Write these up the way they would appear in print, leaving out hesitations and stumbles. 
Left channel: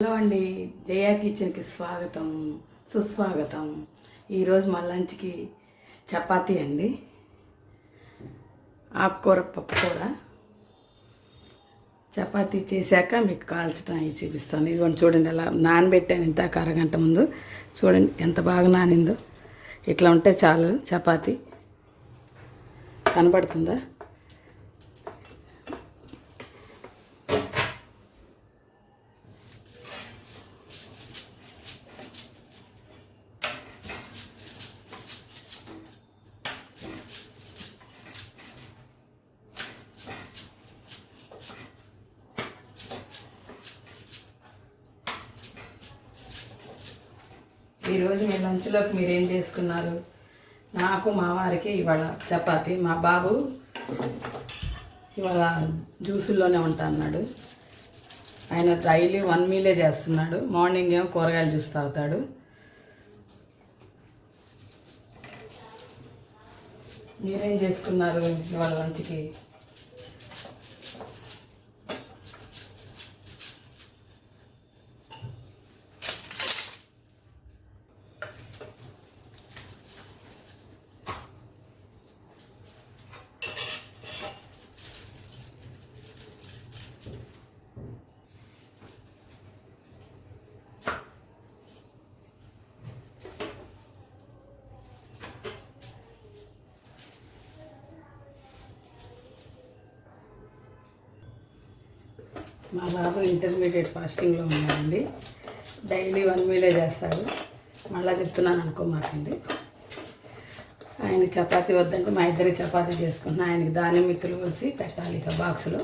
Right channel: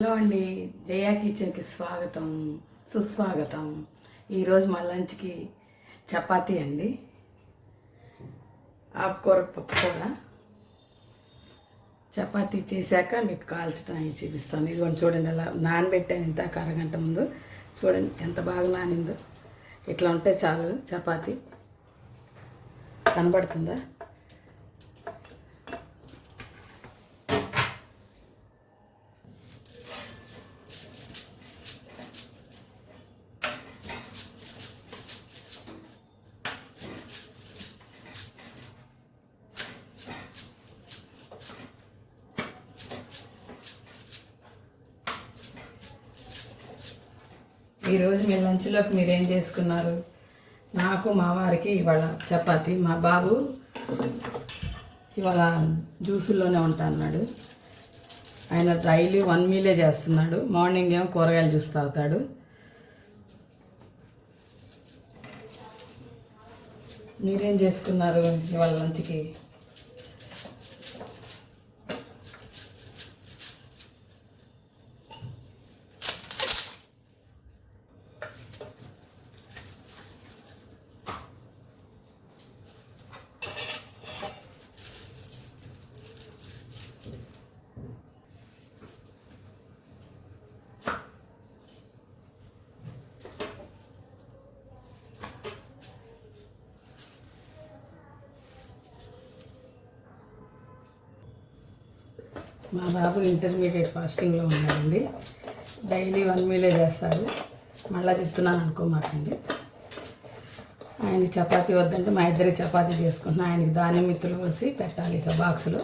Hello అండి, జయా కిచెన్కి స్వాగతం సుస్వాగతం. ఈరోజు మా లంచ్కి చపాతీ అండి, ఆకుకూర పప్పుకూర. చపాతీ చేశాక మీకు కాల్చడం చూపిస్తాను. ఇదిగోండి చూడండి, ఎలా నానబెట్టాను ఇంత అరగంట ముందు. చూడండి ఎంత బాగా నానిందో. ఇట్లా ఉంటే చాలు చపాతీ. కనబడుతుందా? ఈరోజు మీ లంచ్లోకి మీరు ఏం చేసుకున్నారు? నాకు మా వారికి ఇవాళ చపాతీ. మా బాబు ఇవాళ జ్యూసుల్లోనే ఉంటా అన్నాడు. ఆయన డైలీ 1 మీలే చేస్తున్నాడు. మార్నింగ్ ఏమో కూరగాయల జ్యూస్ తాగుతాడు. మీరేం చేసుకున్నారు ఇవాళ లంచ్కి? మా బాబు ఇంటర్మీడియట్ ఫాస్టింగ్లో ఉన్నాడండి. డైలీ 1 మీలే చేస్తాడు. మళ్ళీ చెప్తున్నాను అనుకోమాకండి. ఆయనకి చపాతీ వద్దంటే మా ఇద్దరికి చపాతీ చేసుకుంటున్నా. ఆయనకి ధాన్యం మిత్తులు పోసి పెట్టాలి. ఇక బాక్సులో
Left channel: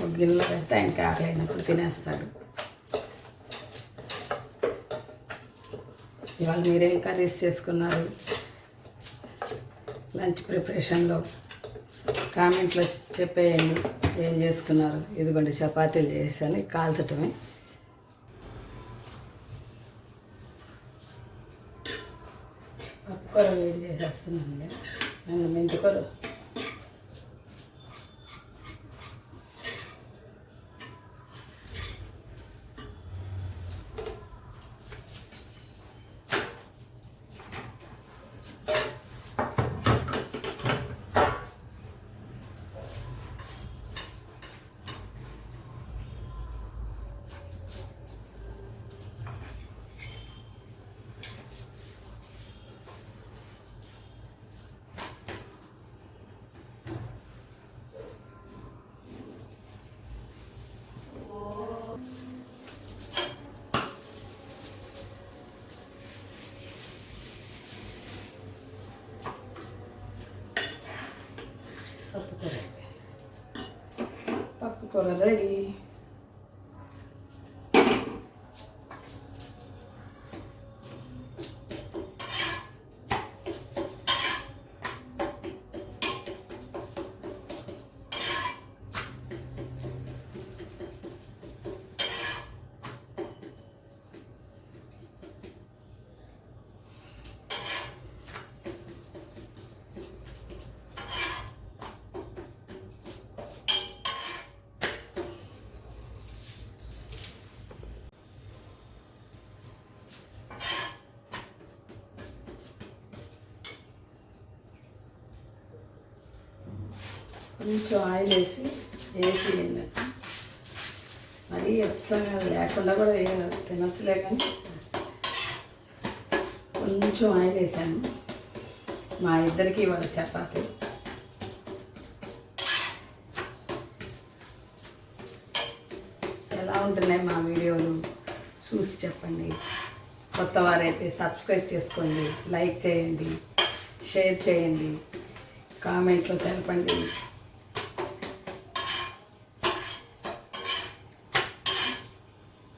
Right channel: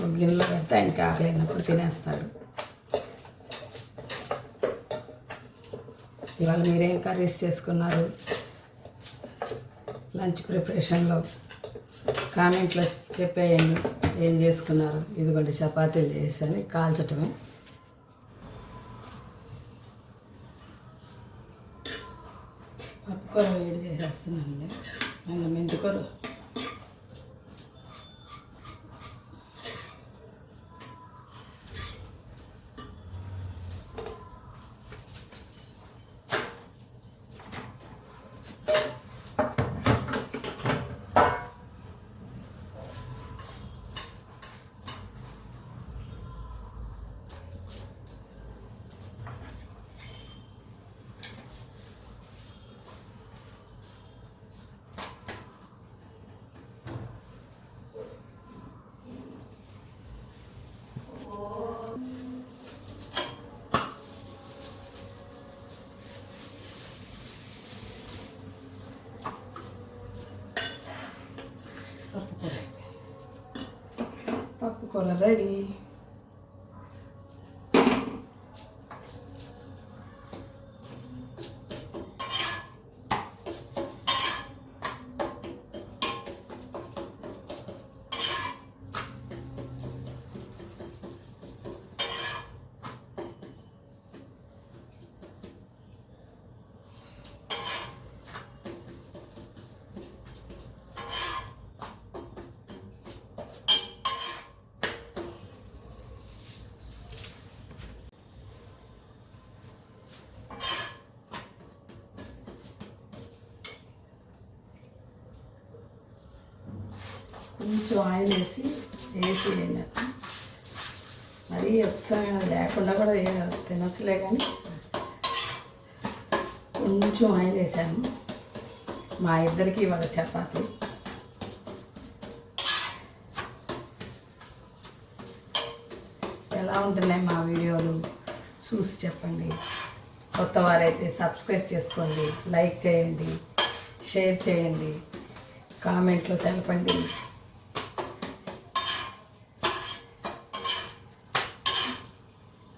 ఒక గిన్నెలో పెడితే ఆయనకి ఆకలి అయినప్పుడు తినేస్తాడు. ఇవాళ మీరేం కర్రీస్ చేసుకున్నారు? లంచ్ ప్రిపరేషన్లో కామెంట్లో చెప్పేయండి ఏం చేసుకున్నారు. ఇదిగోండి చపాతీలు చేశాను, కాల్చటమే. పప్పుకూర వేడి చేసేస్తున్నానండి. నేను మెంతికూర పప్పుకూర రెడీ. కొంచెం ఆయిల్ వేసి మరీ ఉత్సాహం లేకుండా కూడా తినచ్చులే, కానీ కొంచెం ఆయిల్ వేసాను. మా ఇద్దరికి ఇవాళ చపాతీ. ఎలా ఉంటున్నాయి మా వీడియోలు చూసి చెప్పండి. కొత్త వారైతే సబ్స్క్రైబ్ చేసుకోండి, లైక్ చేయండి, షేర్ చేయండి, కామెంట్లో తెలపండి.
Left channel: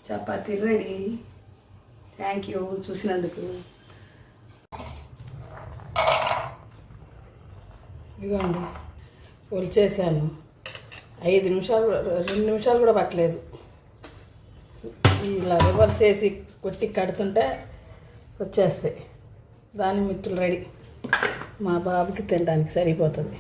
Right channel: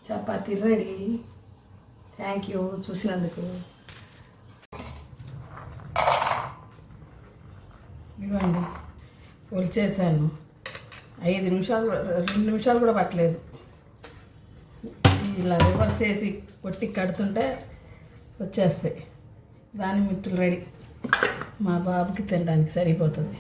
చపాతీ రెడీ. థ్యాంక్ యూ చూసినందుకు. ఇవ్వండి ఒలిచేసాను. 2 నిమిషాలు కూడా పట్టలేదు. ఇలా రివర్స్ చేసి కొట్టి కడుతుంటే వచ్చేస్తాయి. దాని మిత్రులు రెడీ. మా బాబుకి తినడానికి సరిపోతుంది.